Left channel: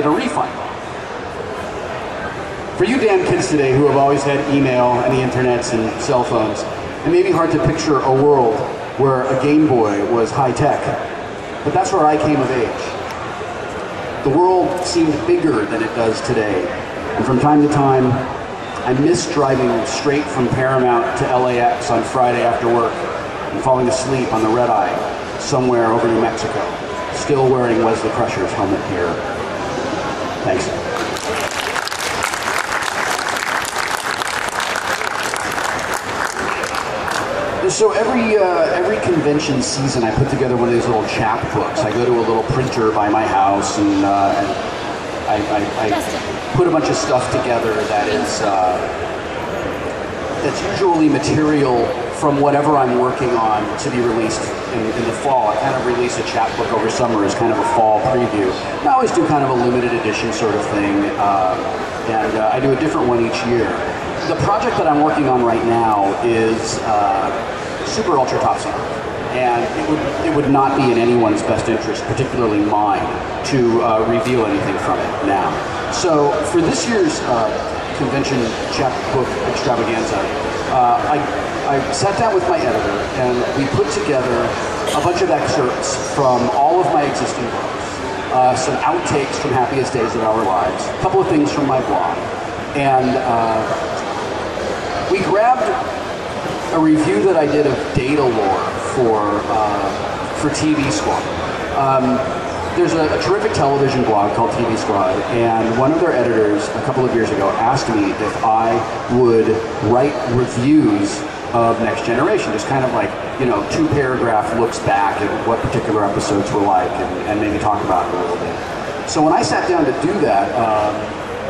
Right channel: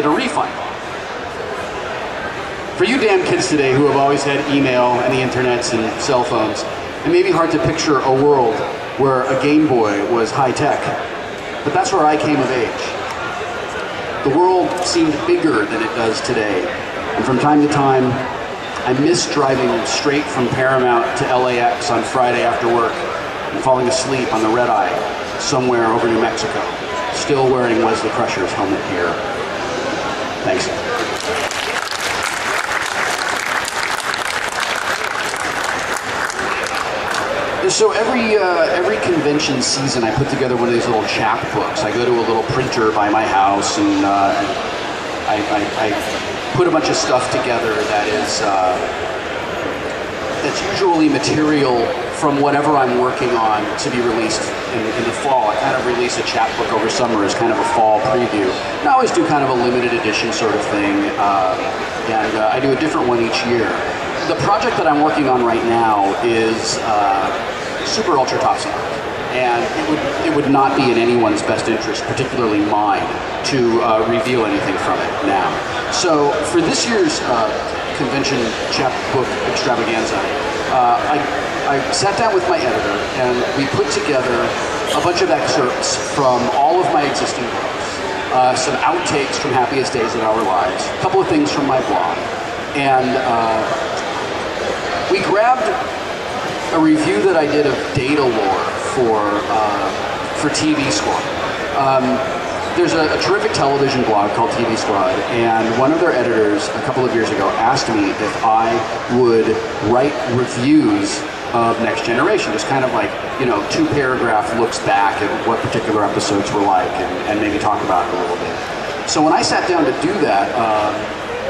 demanded a refund. For you damn kids today who have always had email and the internets and cell phones, it may be hard to picture a world where a Game Boy was high tech, but that's where I came of age. The world seemed bigger than it does today, and from time to time, I miss driving straight from Paramount to LAX on Friday after work and falling asleep on the red eye somewhere over New Mexico, still wearing Wesley Crusher's helmet here. Thanks. So every convention season, I put together one of these little chapbooks. I go to a little printer by my house, and I put a bunch of stuff together that is that's usually material from whatever I'm working on to be released in the fall. I kind of release a chapbook over summer as kind of a fall preview. And I always do kind of a limited edition sort of thing, and I do a different one each year. The project that I'm working on right now is super ultra top secret, and it would not be in anyone's best interest, particularly mine, to reveal anything from it now. So for this year's convention chapbook extravaganza, I sat down with my editor and we put together a bunch of excerpts from all of my existing books, some outtakes from Happiest Days of Our Lives, a couple of things from my blog, and we grabbed a review that I did of data lore for TV Squad. There's a terrific television blog called TV Squad, and one of their editors a couple of years ago asked me if I would write reviews of Next Generation, just kind of like, you know, 2-paragraph looks back at what particular episodes were like, and maybe talk about it a little bit. So when I sat down to do that,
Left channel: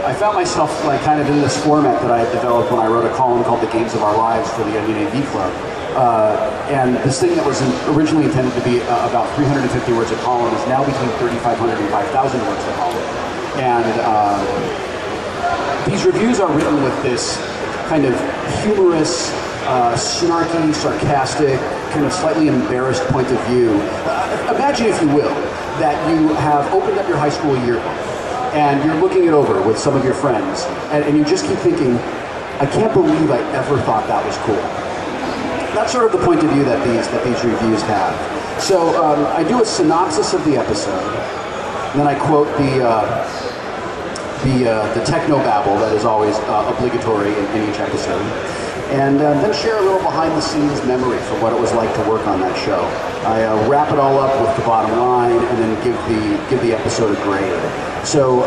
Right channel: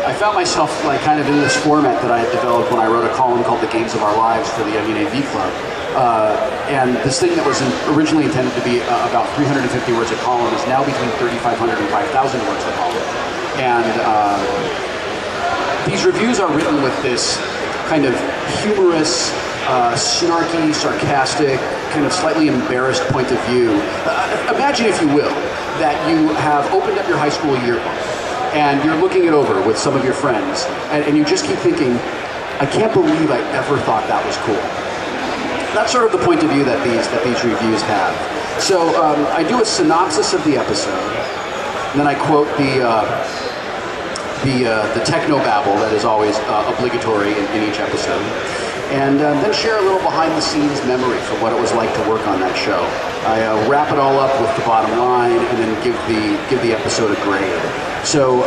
I found myself like kind of in this format that I had developed when I wrote a column called The Games of Our Lives for the Onion AV Club. And this thing that was originally intended to be about 350 words a column is now between 3,500 and 5,000 words a column. And these reviews are written with this kind of humorous, snarky, sarcastic, kind of slightly embarrassed point of view. Imagine, if you will, that you have opened up your high school yearbook and you're looking it over with some of your friends, and you just keep thinking, I can't believe I ever thought that was cool. That's sort of the point of view that these reviews have. So I do a synopsis of the episode, and then I quote the technobabble that is always obligatory in each episode, and then share a little behind-the-scenes memory from what it was like to work on that show. I wrap it all up with the bottom line, and then give the episode a grade. So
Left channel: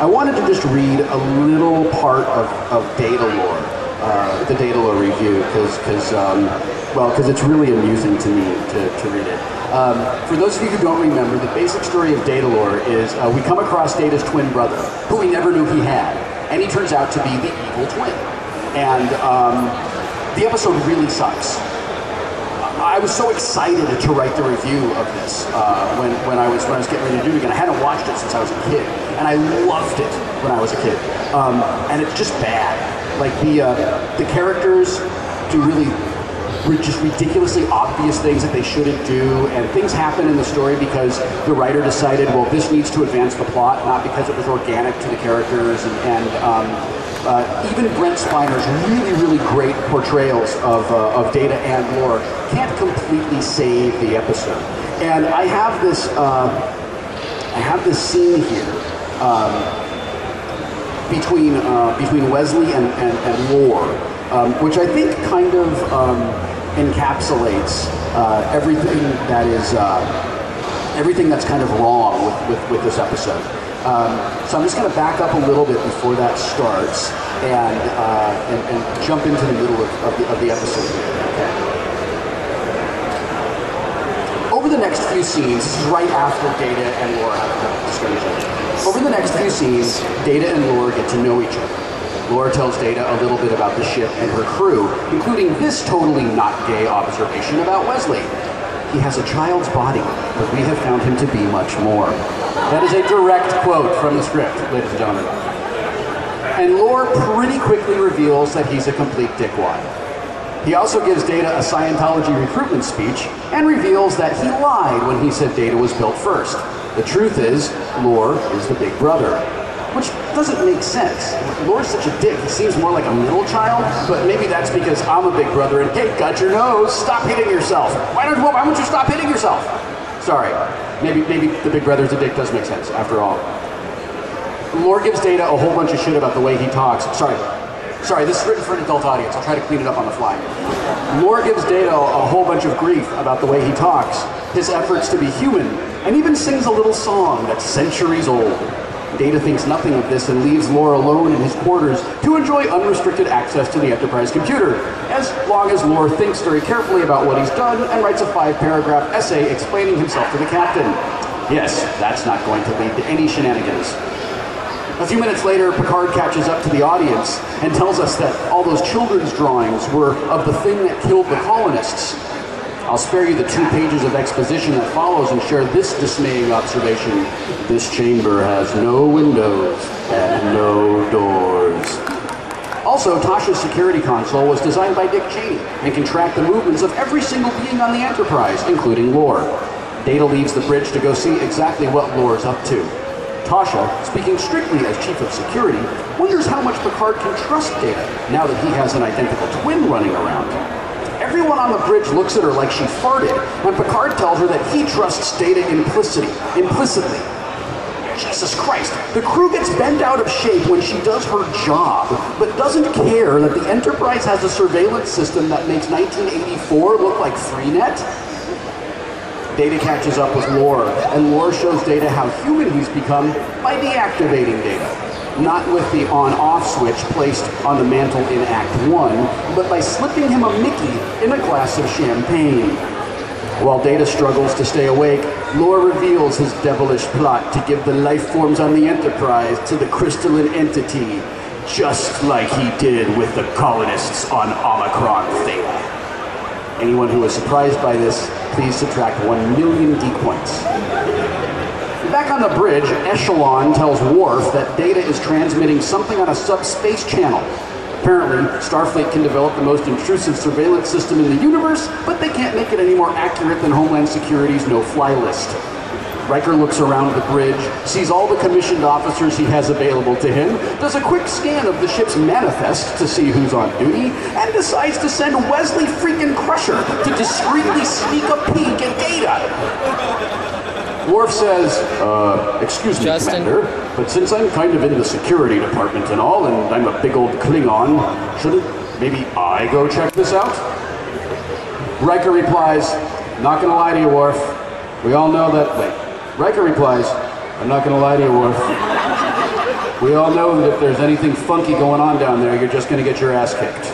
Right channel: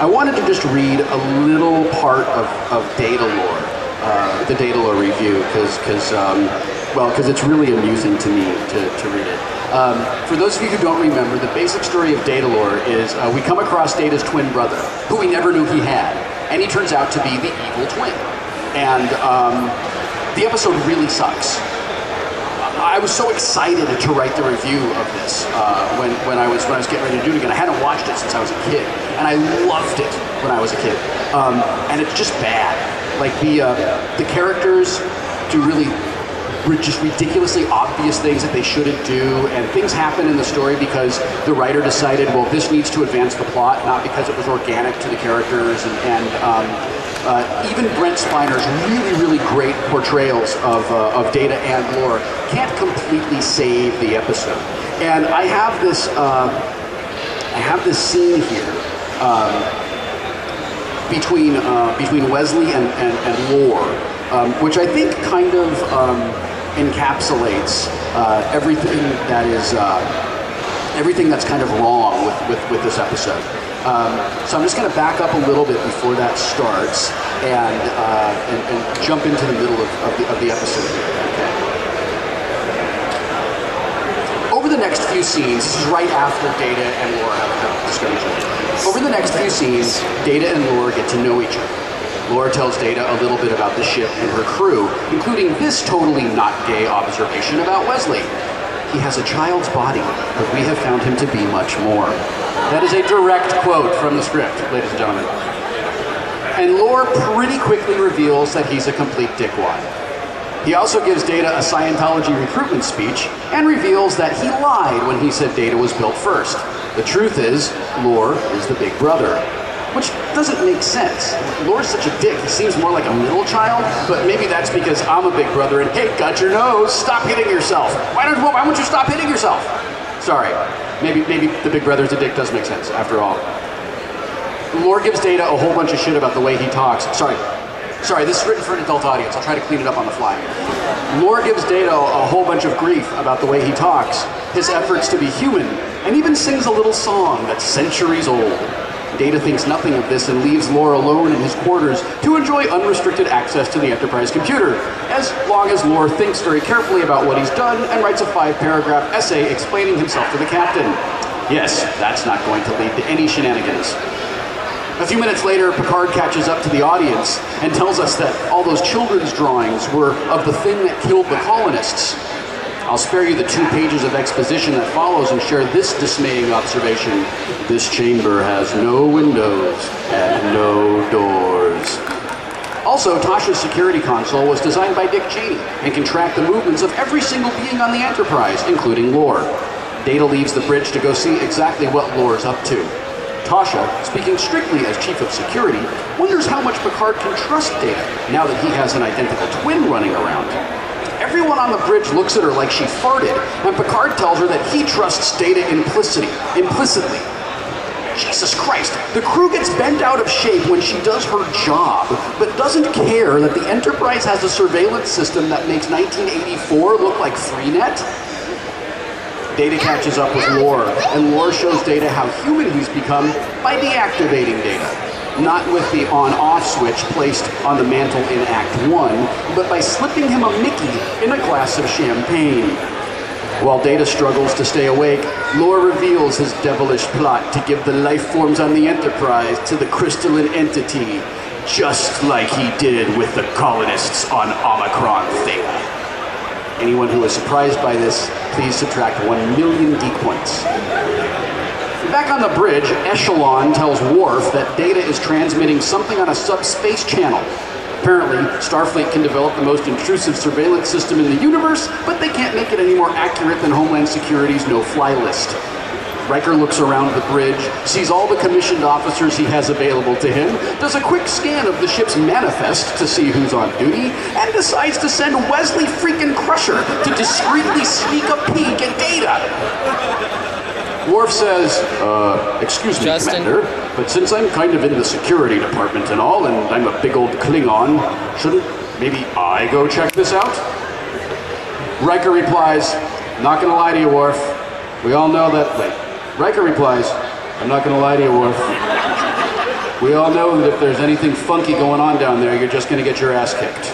I wanted to just read a little part of data lore, the data lore review, because it's really amusing to me to read it. For those of you who don't remember, the basic story of data lore is we come across Data's twin brother, who we never knew he had, and he turns out to be the evil twin. And the episode really sucks. I was so excited to write the review of this when I was getting ready to do it again. I hadn't watched it since I was a kid, and I loved it when I was a kid. And it's just bad. Like the characters do really just ridiculously obvious things that they shouldn't do, and things happen in the story because the writer decided, well, this needs to advance the plot, not because it was organic to the characters, and even Brent Spiner's really great portrayals of Data and lore can't completely save the episode. And I have this scene here between Wesley and lore, which I think kind of encapsulates everything that's kind of wrong with this episode. So I'm just going to back up a little bit before that starts and jump into the middle of the episode here. Okay. Over the next few scenes, this is right after Data and Lore have discovered each other. Over the next few scenes, Data and Lore get to know each other. Lore tells Data a little bit about the ship and her crew, including this totally not gay observation about Wesley. He has a child's body, but we have found him to be much more. That is a direct quote from the script, ladies and gentlemen. And Lore pretty quickly reveals that he's a complete dickwad. He also gives Data a Scientology recruitment speech and reveals that he lied when he said Data was built first. The truth is, Lore is the big brother. Which doesn't make sense. Lore's such a dick. He seems more like a middle child, but maybe that's because I'm a big brother and, hey, got your nose, stop hitting yourself. Why won't you stop hitting yourself? Sorry. Maybe the big brother's a dick does make sense, after all. Lore gives Data a whole bunch of shit about the way he talks. Sorry, this is written for an adult audience. I'll try to clean it up on the fly. Lore gives Data a whole bunch of grief about the way he talks, his efforts to be human, and even sings a little song that's centuries old. Data thinks nothing of this and leaves Lore alone in his quarters to enjoy unrestricted access to the Enterprise computer, as long as Lore thinks very carefully about what he's done and writes a 5-paragraph essay explaining himself to the captain. Yes, that's not going to lead to any shenanigans. A few minutes later, Picard catches up to the audience and tells us that all those children's drawings were of the thing that killed the colonists. I'll spare you the 2 pages of exposition that follows and share this dismaying observation. This chamber has no windows and no doors. Also, Tasha's security console was designed by Dick Cheney and can track the movements of every single being on the Enterprise, including Lore. Data leaves the bridge to go see exactly what Lore's up to. Tasha, speaking strictly as Chief of Security, wonders how much Picard can trust Data now that he has an identical twin running around. Everyone on the bridge looks at her like she farted, and Picard tells her that he trusts Data implicitly. Jesus Christ, the crew gets bent out of shape when she does her job, but doesn't care that the Enterprise has a surveillance system that makes 1984 look like Freenet? Data catches up with Lore, and Lore shows Data how human he's become by deactivating Data. Not with the on-off switch placed on the mantle in Act 1, but by slipping him a Mickey in a glass of champagne. While Data struggles to stay awake, Lore reveals his devilish plot to give the life forms on the Enterprise to the crystalline entity, just like he did with the colonists on Omicron Theta. Anyone who is surprised by this, please subtract 1 million geek points. Back on the bridge, Echelon tells Worf that Data is transmitting something on a subspace channel. Apparently, Starfleet can develop the most intrusive surveillance system in the universe, but they can't make it any more accurate than Homeland Security's no-fly list. Riker looks around the bridge, sees all the commissioned officers he has available to him, does a quick scan of the ship's manifest to see who's on duty, and decides to send Wesley freaking Crusher to discreetly sneak a peek at Data. Worf says, excuse me, Justin. Commander, but since I'm kind of in the security department and all, and I'm a big old Klingon, shouldn't maybe I go check this out? Riker replies, not gonna lie to you, Worf. We all know that, Riker replies, I'm not gonna lie to you, Worf. We all know that if there's anything funky going on down there, you're just gonna get your ass kicked.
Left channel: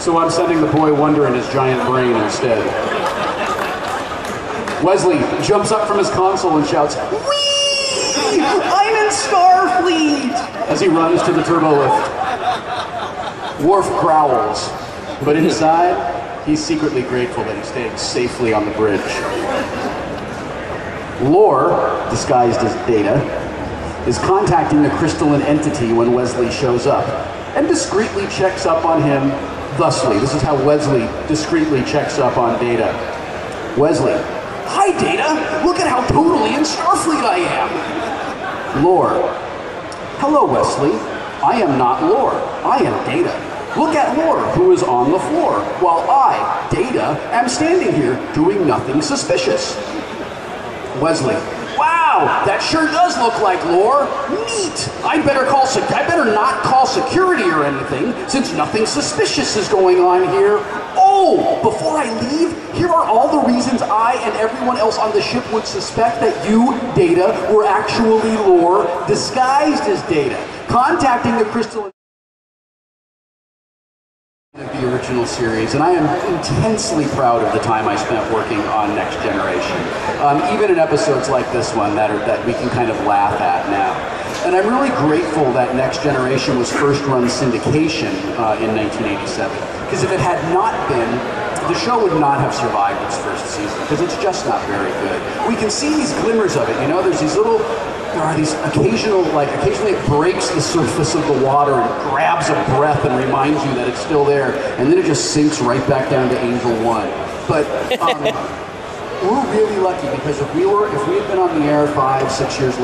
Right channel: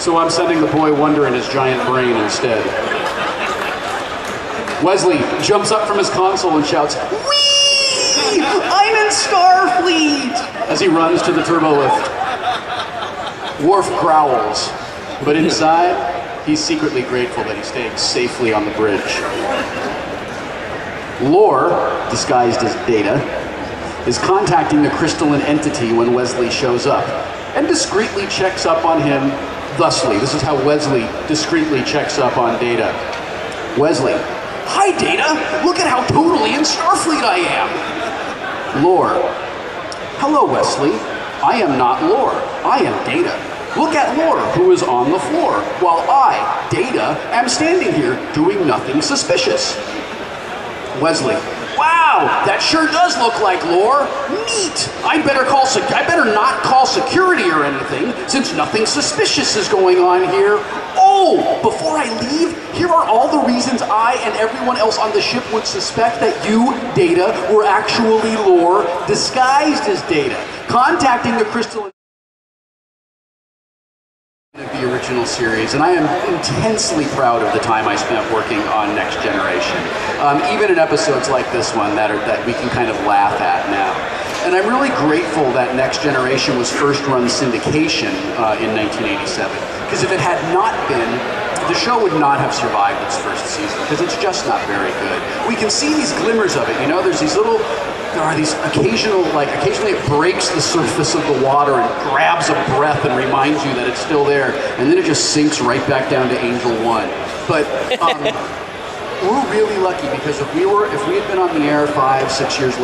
So I'm sending the boy Wonder in his giant brain instead. Wesley jumps up from his console and shouts, "Whee! I'm in Starfleet!" as he runs to the turbo lift. Worf growls, but inside, he's secretly grateful that he's staying safely on the bridge. Lore, disguised as Data, is contacting the crystalline entity when Wesley shows up, and discreetly checks up on him thusly. This is how Wesley discreetly checks up on Data. Wesley, "Hi, Data! Look at how totally in Starfleet I am!" Lore, "Hello, Wesley. I am not Lore. I am Data. Look at Lore, who is on the floor, while I, Data, am standing here doing nothing suspicious." Wesley, "Wow, that sure does look like Lore. Neat. I better not call security or anything, since nothing suspicious is going on here. Oh, before I leave, here are all the reasons I and everyone else on the ship would suspect that you, Data, were actually Lore, disguised as Data, contacting the crystal of the original series, and I am intensely proud of the time I spent working on Next Generation. Even in episodes like this one that we can kind of laugh at now. And I'm really grateful that Next Generation was first run syndication in 1987, because if it had not been, the show would not have survived its first season, because it's just not very good. We can see these glimmers of it, you know, there are these occasionally it breaks the surface of the water and grabs a breath and reminds you that it's still there, and then it just sinks right back down to Angel 1. But we're really lucky because if we had been on the air 5, 6 years later,